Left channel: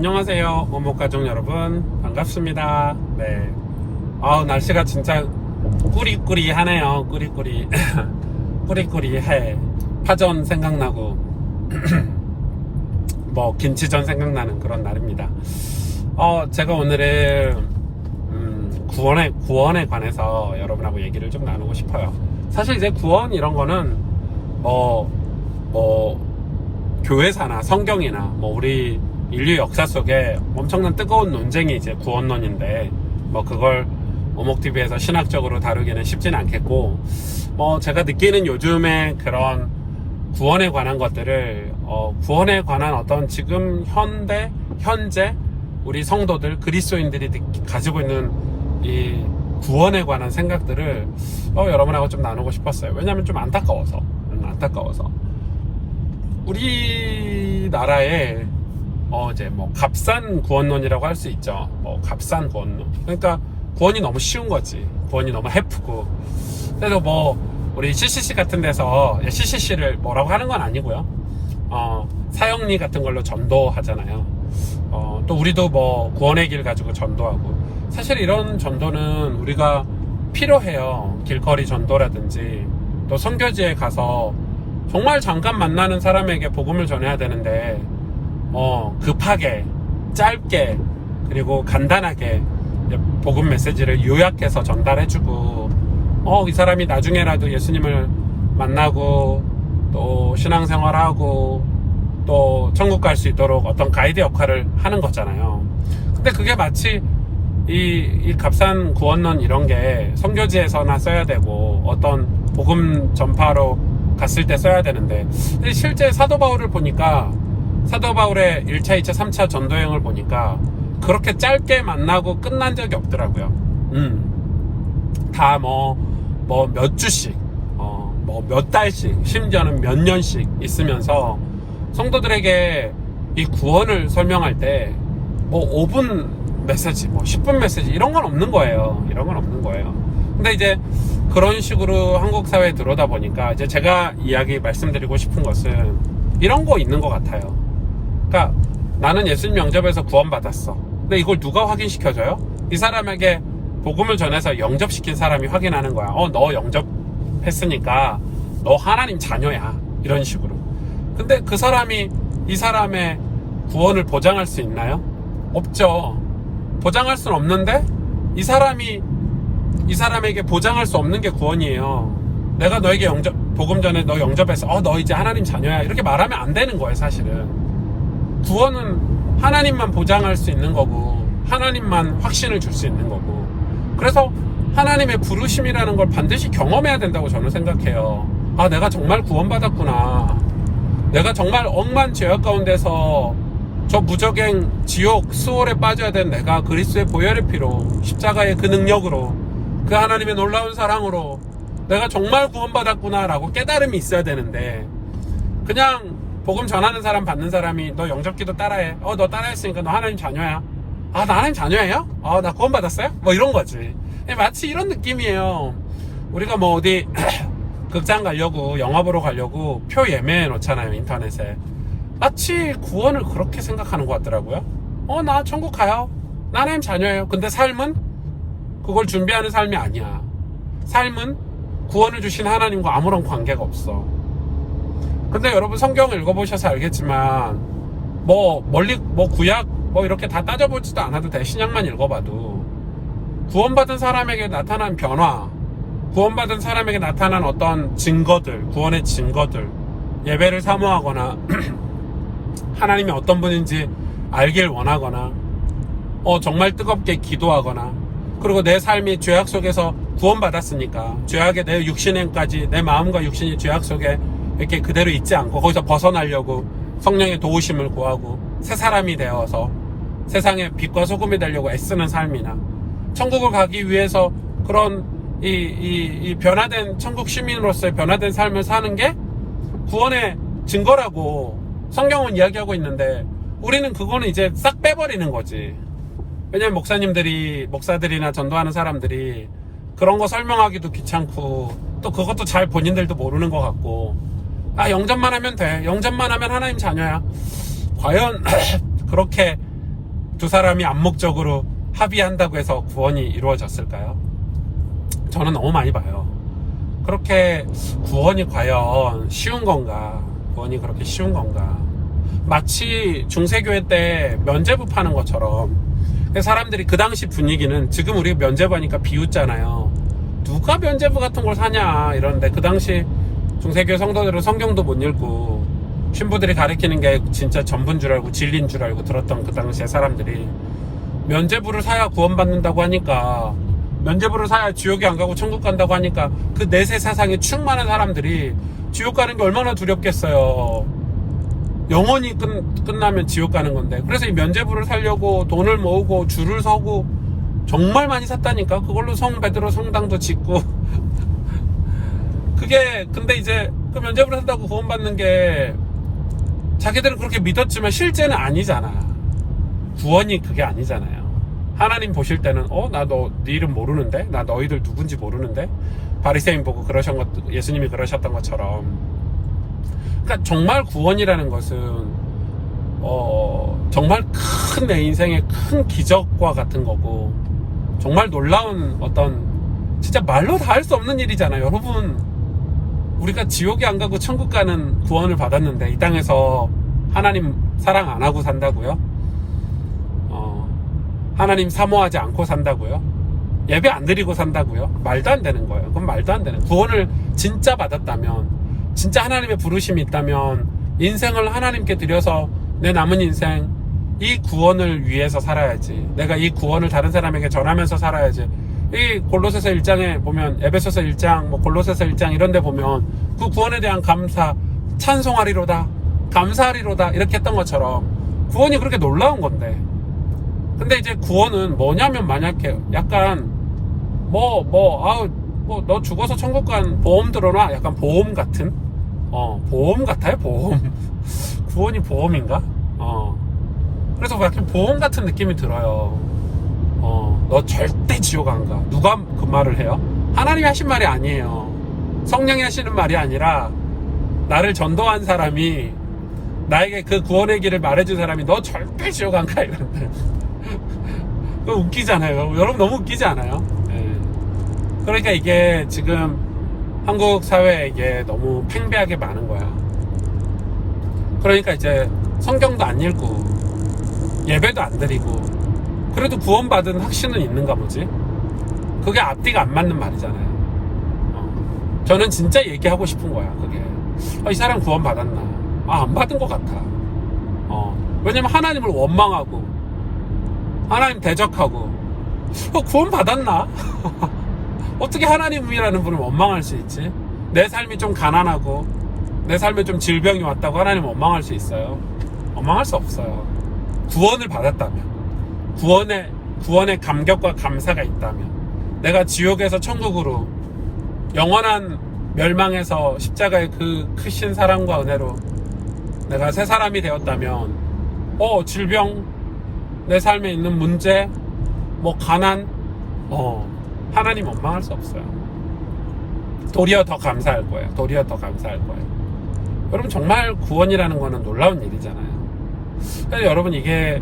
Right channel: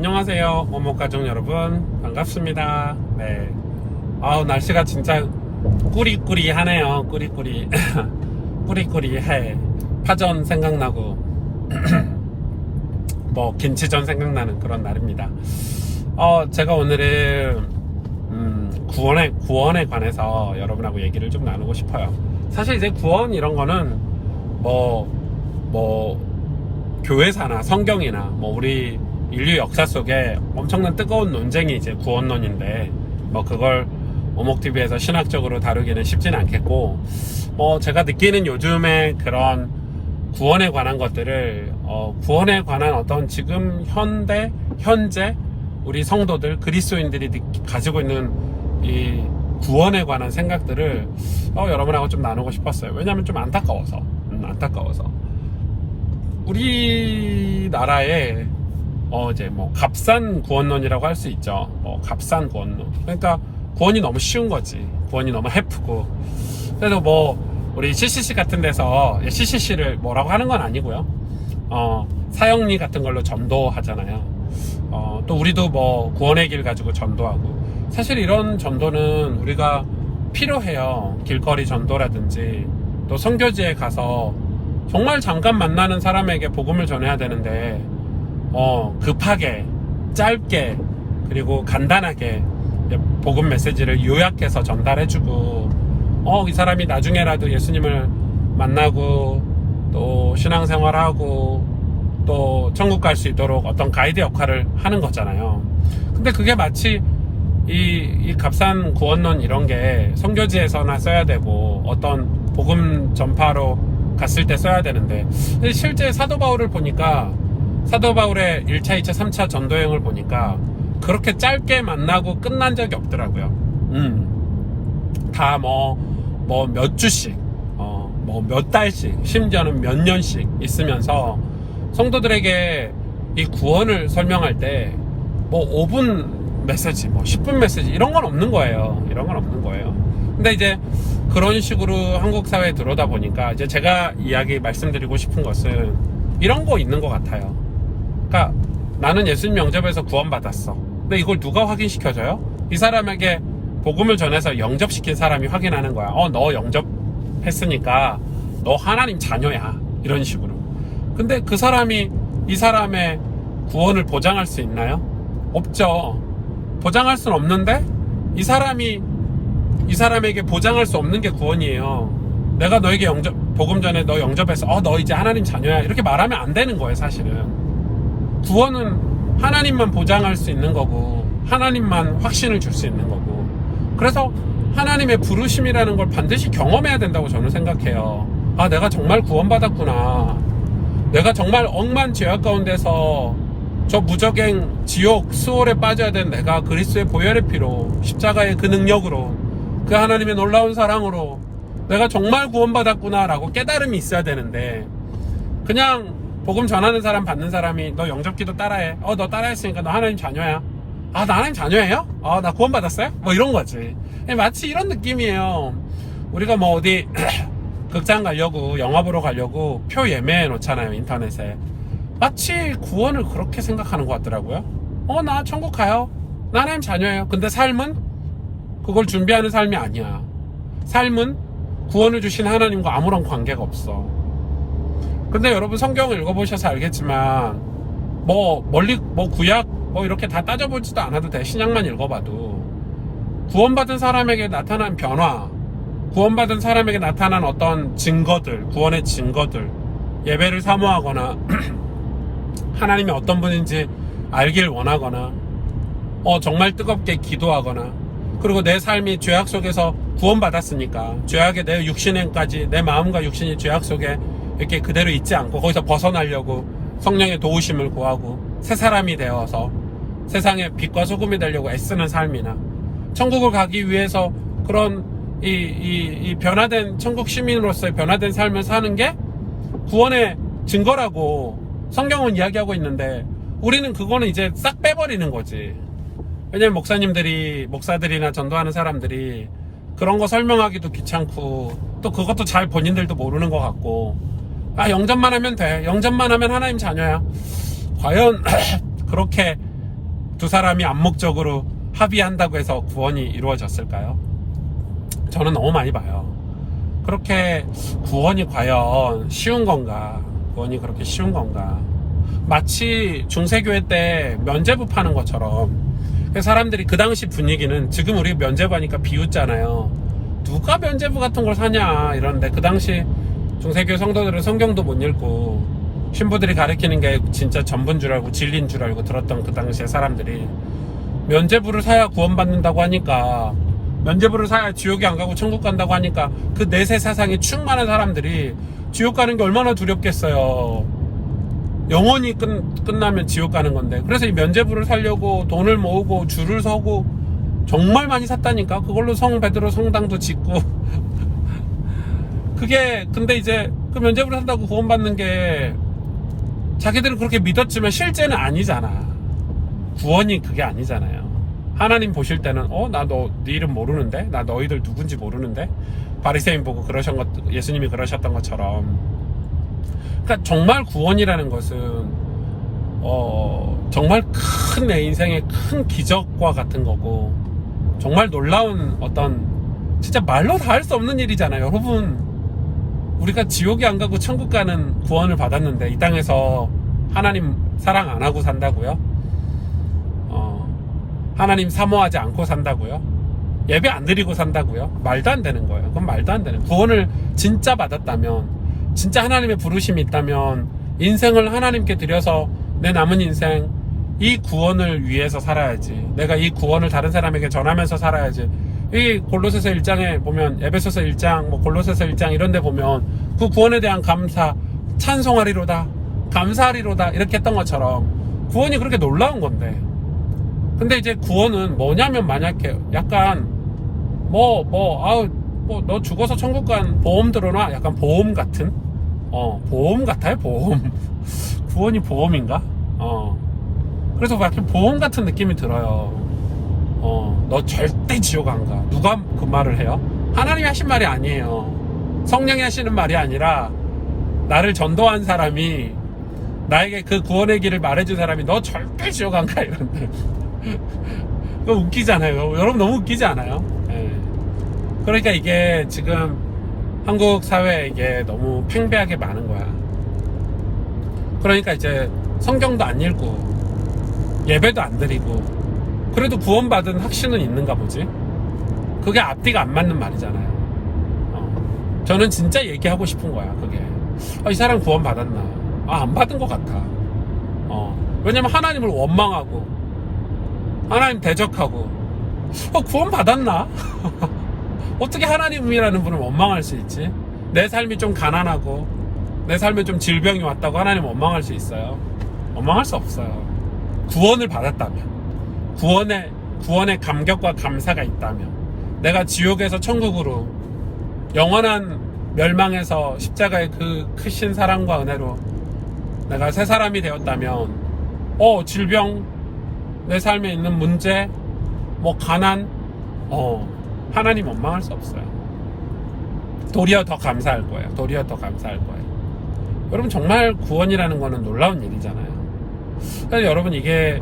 안녕하세요, 모모가족 여러분, 반갑습니다. 네, 날씨가 진짜 꾸리꾸리하네요. 꾸리꾸리 꾸리꾸리해. 파전 생각나고 뭐 김치전 생각나는 그런 날입니다. 제가 오늘은 구원에 관해서 여러분하고 얘기를 좀 나누고 싶어요. 사실 이제 구원 이런 거는 교회사나 성경이나 우리 인류 역사 속에 엄청난 뜨거운 논쟁이 이제 구원론인데, 그걸 오목TV에서 신학적으로 다루기는 쉽지는 않겠고, 제가 느끼는 요즘에 그런 구원에 관한 것들을, 구원에 관한 어떤 지금 현재 우리 성도들, 그리스도인들이 가지고 있는 이 구원에 관한 생각들을 여러분하고 좀 나누고 싶었어요. 왜냐면 좀 안타까워서. 우리나라에 이제 값싼 구원론이라고 할 수 있죠. 값싼 구원론. 그러니까 구원이 너무 쉬운 거지. 구원이 너무 해프고. 그래서 우리 CCC 같은 데서 CCC를 뭐라고 하는 건 아니고요. 사형리 같은 걸로 전도하잖아요. 또 우리도 구원의 길 가지고 전도하고. 사실 이런 전도는 우리가 필요해요. 길거리 전도라든지 또 선교지에 가서 정말 잠깐 만나는 사람에게 복음을 전해야 되는데 급하게 짧게 그리고 간단하게 복음 메시지를 요약해서 전달해주고 이 사람이 나중에라도 예수님을 만나고 또 신앙생활하고 또 천국 갈 수 있도록 어떤 가이드 역할을 하는 거잖아요. 근데 그게 마치 이 값싼 구원론 이런 게 선교지에서나 써야 되고 어떤 복음 전파로 갔을 때 써야 되는데, 실제 사도 바울을 보니까 사도 바울의 1차, 2차, 3차 전도여행을 보니까 그렇게 짧게 만나고 끝난 적이 없더라고요. 다 몇 주씩, 몇 달씩, 심지어는 몇 년씩 있으면서 성도들에게 이 구원을 설명할 때 5분 메시지, 10분 메시지 이런 건 없는 거예요. 근데 이제 그런 식으로 한국 사회에 들어오다 보니까 이제 제가 말씀드리고 싶은 것은 이런 거 있는 것 같아요. 그러니까 나는 예수님 영접에서 구원받았어. 근데 이걸 누가 확인시켜줘요? 이 사람에게 복음을 전해서 영접시킨 사람이 확인하는 거야. 너 영접했으니까 너 하나님 자녀야. 이런 식으로. 근데 그 사람이 이 사람의 구원을 보장할 수 있나요? 없죠. 보장할 수는 없는데 이 사람에게 보장할 수 없는 게 구원이에요. 내가 너에게 복음 전에 너 영접해서 너 이제 하나님 자녀야 이렇게 말하면 안 되는 거예요. 사실은 구원은 하나님만 보장할 수 있는 거고 하나님만 확신을 줄 수 있는 거고, 그래서 하나님의 부르심이라는 걸 반드시 경험해야 된다고 저는 생각해요. 내가 정말 구원받았구나. 내가 정말 억만 죄악 가운데서 저 무적행 지옥 수월에 빠져야 된 내가 그리스도의 보혈의 피로 십자가의 그 능력으로 그 하나님의 놀라운 사랑으로 내가 정말 구원받았구나 라고 깨달음이 있어야 되는데, 그냥 복음 전하는 사람 받는 사람이 너 영접기도 따라해. 너 따라했으니까 너 하나님 자녀야. 나 하나님 자녀예요? 나 구원받았어요? 이런 거지. 마치 이런 느낌이에요. 우리가 어디 극장 가려고 영화 보러 가려고 표 예매해 놓잖아요, 인터넷에. 마치 구원을 그렇게 생각하는 것 같더라고요. 나 천국 가요. 나 하나님 자녀예요. 근데 삶은 그걸 준비하는 삶이 아니야. 삶은 구원을 주신 하나님과 아무런 관계가 없어. 근데 여러분 성경을 읽어보셔서 알겠지만 구약 이렇게 다 따져보지도 않아도 돼. 신약만 읽어봐도 구원받은 사람에게 나타난 변화, 구원받은 사람에게 나타난 어떤 증거들, 구원의 증거들, 예배를 사모하거나 하나님이 어떤 분인지 알길 원하거나 정말 뜨겁게 기도하거나, 그리고 내 삶이 죄악 속에서 구원받았으니까 죄악의 내 육신행까지 내 마음과 육신이 죄악 속에 이렇게 그대로 있지 않고 거기서 벗어나려고 성령의 도우심을 구하고 새 사람이 되어서 세상의 빛과 소금이 되려고 애쓰는 삶이나, 천국을 가기 위해서 그런 이 변화된 천국 시민으로서의 변화된 삶을 사는 게 구원의 증거라고 성경은 이야기하고 있는데, 우리는 그거는 이제 싹 빼버리는 거지. 왜냐면 목사들이나 전도하는 사람들이 그런 거 설명하기도 귀찮고 또 그것도 잘 본인들도 모르는 것 같고, 영접만 하면 돼. 영접만 하면 하나님 자녀야. 과연 그렇게 두 사람이 암묵적으로 합의한다고 해서 구원이 이루어졌을까요? 저는 너무 많이 봐요. 그렇게 구원이 과연 쉬운 건가? 구원이 그렇게 쉬운 건가? 마치 중세교회 때 면죄부 파는 것처럼 사람들이 그 당시 분위기는 지금 우리 면죄부 하니까 비웃잖아요. 누가 면죄부 같은 걸 사냐 이러는데 그 당시 중세교회 성도들은 성경도 못 읽고 신부들이 가르치는 게 진짜 전부인 줄 알고 진리인 줄 알고 들었던 그 당시에 사람들이 면죄부를 사야 구원받는다고 하니까, 면죄부를 사야 지옥에 안 가고 천국 간다고 하니까 그 내세 사상에 충만한 사람들이 지옥 가는 게 얼마나 두렵겠어요. 영원히 끝나면 지옥 가는 건데. 그래서 이 면죄부를 사려고 돈을 모으고 줄을 서고 정말 많이 샀다니까. 그걸로 성 베드로 성당도 짓고 그게 근데 이제 그 면죄부를 산다고 구원받는 게 자기들은 그렇게 믿었지만 실제는 아니잖아. 구원이 그게 아니잖아요. 하나님 보실 때는 나 너 네 이름 모르는데? 나 너희들 누군지 모르는데? 바리새인 보고 예수님이 그러셨던 것처럼. 그러니까 정말 구원이라는 것은 정말 큰 내 인생의 큰 기적과 같은 거고, 정말 놀라운 어떤 진짜 말로 다 할 수 없는 일이잖아요. 여러분, 우리가 지옥에 안 가고 천국 가는 구원을 받았는데 이 땅에서 하나님 사랑 안 하고 산다고요? 하나님 사모하지 않고 산다고요? 예배 안 드리고 산다고요? 말도 안 되는 거예요. 그건 말도 안 되는. 구원을 진짜 받았다면, 진짜 하나님의 부르심이 있다면 인생을 하나님께 드려서 내 남은 인생 이 구원을 위해서 살아야지. 내가 이 구원을 다른 사람에게 전하면서 살아야지. 이 골로새서 1장에 보면, 에베소서 1장, 골로새서 1장 이런 데 보면 그 구원에 대한 감사, 찬송하리로다, 감사하리로다 이렇게 했던 것처럼 구원이 그렇게 놀라운 건데. 근데 이제 구원은 뭐냐면, 만약에 약간 너 죽어서 천국 간 보험 들어놔, 약간 보험 같은, 보험 같아요. 보험. 구원이 보험인가? 그래서 약간 보험 같은 느낌이 들어요. 너 절대 지옥 안 가. 누가 그 말을 해요? 하나님이 하신 말이 아니에요. 성령이 하시는 말이 아니라 나를 전도한 사람이, 나에게 그 구원의 길을 말해준 사람이 너 절대 지옥 안 가 이런데. 그거 웃기잖아요. 여러분 너무 웃기지 않아요? 네. 그러니까 이게 지금 한국 사회에 이게 너무 팽배하게 많은 거야. 그러니까 이제 성경도 안 읽고 예배도 안 드리고 그래도 구원받은 확신은 있는가 보지? 그게 앞뒤가 안 맞는 말이잖아요. 저는 진짜 얘기하고 싶은 거야. 그게 이 사람 구원받았나? 안 받은 것 같아. 왜냐면 하나님을 원망하고 하나님 대적하고 구원받았나? 어떻게 하나님이라는 분을 원망할 수 있지? 내 삶이 좀 가난하고 내 삶에 좀 질병이 왔다고 하나님 원망할 수 있어요? 원망할 수 없어요. 구원을 받았다면, 구원의 감격과 감사가 있다면, 내가 지옥에서 천국으로, 영원한 멸망에서 십자가의 그 크신 사랑과 은혜로 내가 새 사람이 되었다면, 질병, 내 삶에 있는 문제, 가난, 하나님 원망할 수 없어요. 도리어 더 감사할 거예요. 도리어 더 감사할 거예요. 여러분, 정말 구원이라는 거는 놀라운 일이잖아요. 그래서 여러분, 이게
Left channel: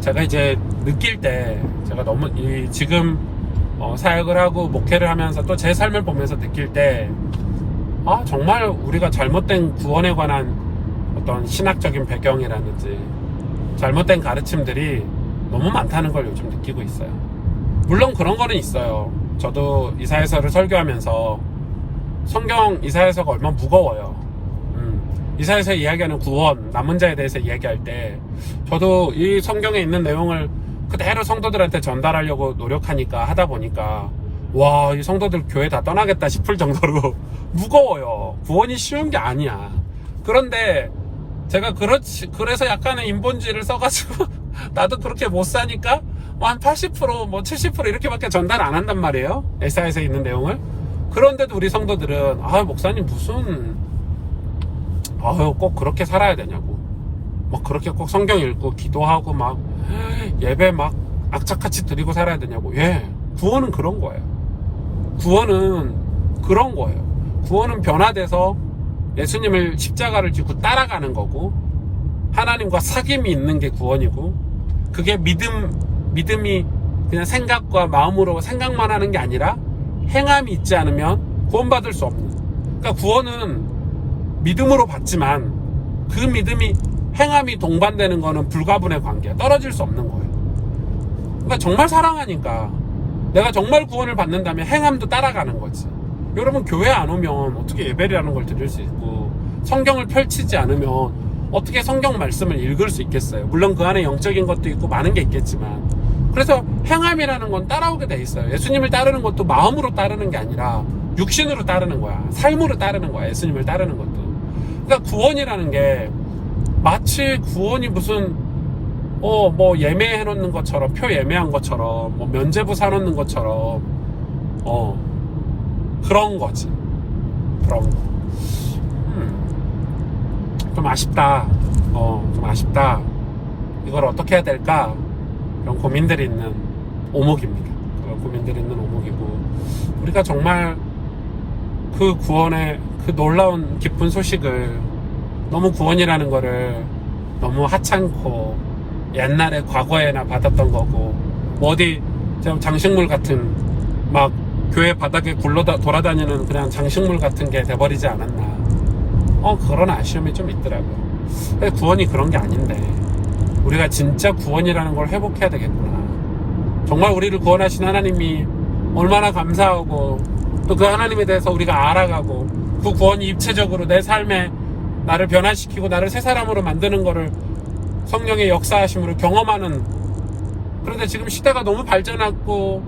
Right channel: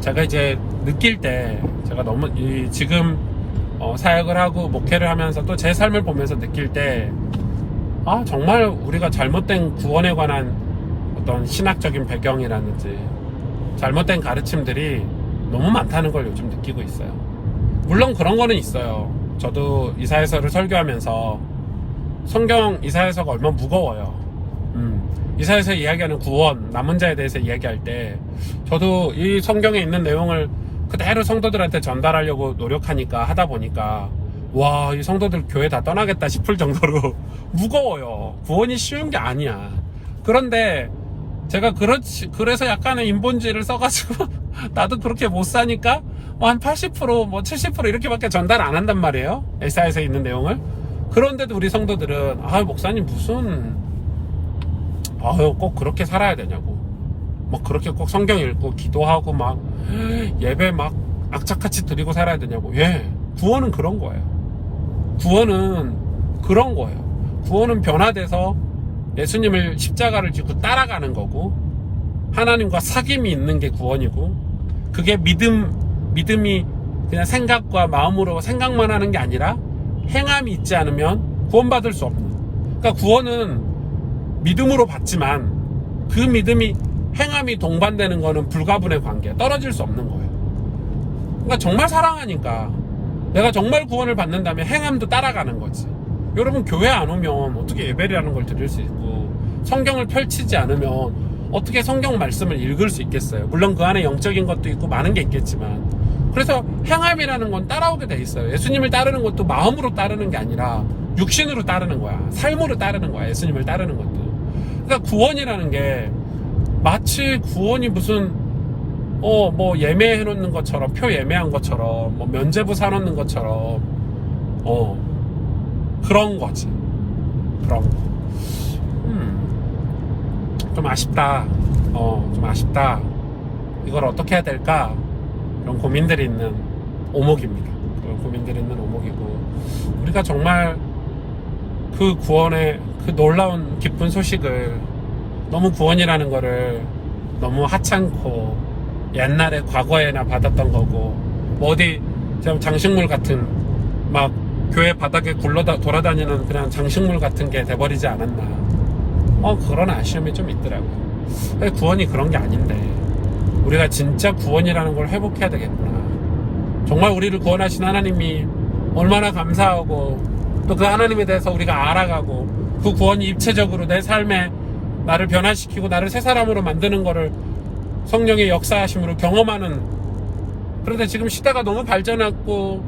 제가 이제 느낄 때, 제가 너무 지금 사역을 하고 목회를 하면서 또 제 삶을 보면서 느낄 때, 정말 우리가 잘못된 구원에 관한 어떤 신학적인 배경이라든지 잘못된 가르침들이 너무 많다는 걸 요즘 느끼고 있어요. 물론 그런 거는 있어요. 저도 이사야서를 설교하면서 성경 이사야서가 얼마나 무거워요. 이사야서 이야기하는 구원, 남은 자에 대해서 이야기할 때 저도 이 성경에 있는 내용을 그대로 성도들한테 전달하려고 노력하니까, 하다 보니까 이 성도들 교회 다 떠나겠다 싶을 정도로 무거워요. 구원이 쉬운 게 아니야. 그런데 제가 그래서 약간의 인본주의를 써가지고 나도 그렇게 못 사니까 한 80%, 70% 이렇게밖에 전달 안 한단 말이에요. 에사야서에 있는 내용을. 그런데도 우리 성도들은 목사님 무슨 꼭 그렇게 살아야 되냐고, 그렇게 꼭 성경 읽고 기도하고 예배 악착같이 드리고 살아야 되냐고. 구원은 그런 거예요. 구원은 그런 거예요. 구원은 변화돼서 예수님을 십자가를 지고 따라가는 거고, 하나님과 사귐이 있는 게 구원이고, 그게 믿음이 그냥 생각과 마음으로 생각만 하는 게 아니라 행함이 있지 않으면 구원받을 수 없는. 그러니까 구원은 믿음으로 받지만 그 믿음이 행함이 동반되는 거는 불가분의 관계야. 떨어질 수 없는 거예요. 그러니까 정말 사랑하니까 내가 정말 구원을 받는다면 행함도 따라가는 거지. 여러분 교회 안 오면 어떻게 예배라는 걸 드릴 수 있고 성경을 펼치지 않으면 어떻게 성경 말씀을 읽을 수 있겠어요. 물론 그 안에 영적인 것도 있고 많은 게 있겠지만 그래서 행함이라는 건 따라오게 돼 있어요. 예수님을 따르는 것도 마음으로 따르는 게 아니라 육신으로 따르는 거야. 삶으로 따르는 거야. 예수님을 따르는 것도. 그러니까 구원이라는 게 마치 구원이 무슨 뭐 예매해 놓는 것처럼 표 예매한 것처럼 뭐 면제부 사 놓는 것처럼 그런 거지. 그런 거. 좀 아쉽다. 좀 아쉽다. 이걸 어떻게 해야 될까? 이런 고민들이 있는 오목입니다. 그런 고민들이 있는 오목이고 우리가 정말 그 구원의 그 놀라운 기쁜 소식을 너무 구원이라는 거를 너무 하찮고 옛날에 과거에나 받았던 거고 뭐 어디 장식물 같은 막 교회 바닥에 돌아다니는 그냥 장식물 같은 게 돼버리지 않았나. 그런 아쉬움이 좀 있더라고요. 구원이 그런 게 아닌데 우리가 진짜 구원이라는 걸 회복해야 되겠구나. 정말 우리를 구원하신 하나님이 얼마나 감사하고 또 그 하나님에 대해서 우리가 알아가고 그 구원이 입체적으로 내 삶에 나를 변화시키고 나를 새 사람으로 만드는 거를 성령의 역사하심으로 경험하는. 그런데 지금 시대가 너무 발전했고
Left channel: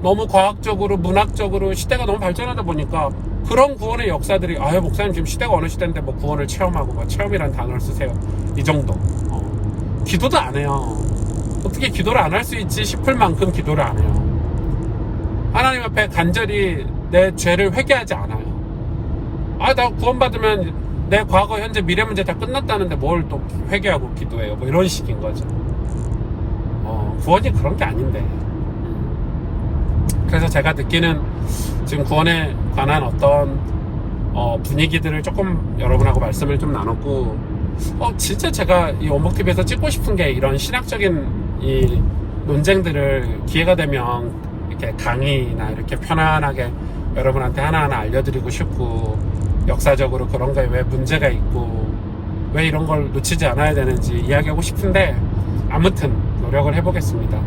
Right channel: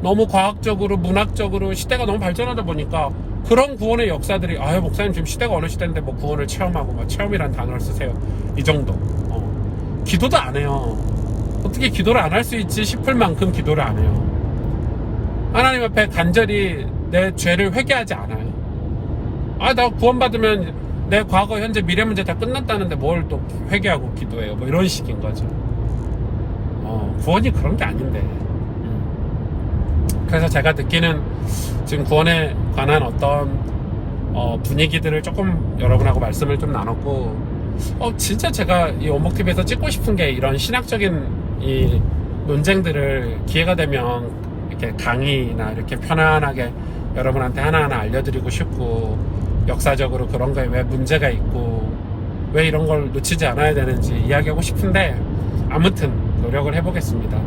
너무 과학적으로 문학적으로 시대가 너무 발전하다 보니까 그런 구원의 역사들이 목사님 지금 시대가 어느 시대인데 뭐 구원을 체험하고 뭐 체험이라는 단어를 쓰세요. 이 정도. 기도도 안 해요. 어떻게 기도를 안 할 수 있지 싶을 만큼 기도를 안 해요. 하나님 앞에 간절히 내 죄를 회개하지 않아요. 나 구원받으면 내 과거, 현재, 미래 문제 다 끝났다는데 뭘 또 회개하고 기도해요. 뭐 이런 식인 거죠. 구원이 그런 게 아닌데. 그래서 제가 느끼는 지금 구원에 관한 어떤 분위기들을 조금 여러분하고 말씀을 좀 나눴고 진짜 제가 이 원목TV에서 찍고 싶은 게 이런 신학적인 이 논쟁들을 기회가 되면 이렇게 강의나 이렇게 편안하게 여러분한테 하나하나 알려드리고 싶고 역사적으로 그런 거에 왜 문제가 있고 왜 이런 걸 놓치지 않아야 되는지 이야기하고 싶은데 아무튼 노력을 해보겠습니다.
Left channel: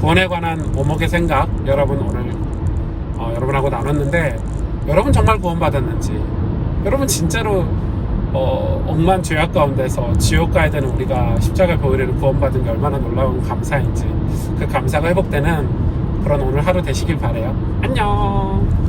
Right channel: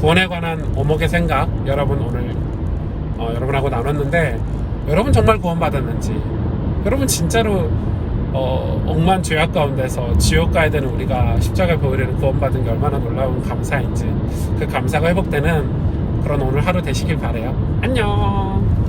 구원에 관한 오목의 생각 여러분 오늘 여러분하고 나눴는데 여러분 정말 구원받았는지 여러분 진짜로 억만 죄악 가운데서 지옥 가야 되는 우리가 십자가의 보혈로 구원받은 게 얼마나 놀라운 감사인지 그 감사가 회복되는 그런 오늘 하루 되시길 바래요. 안녕.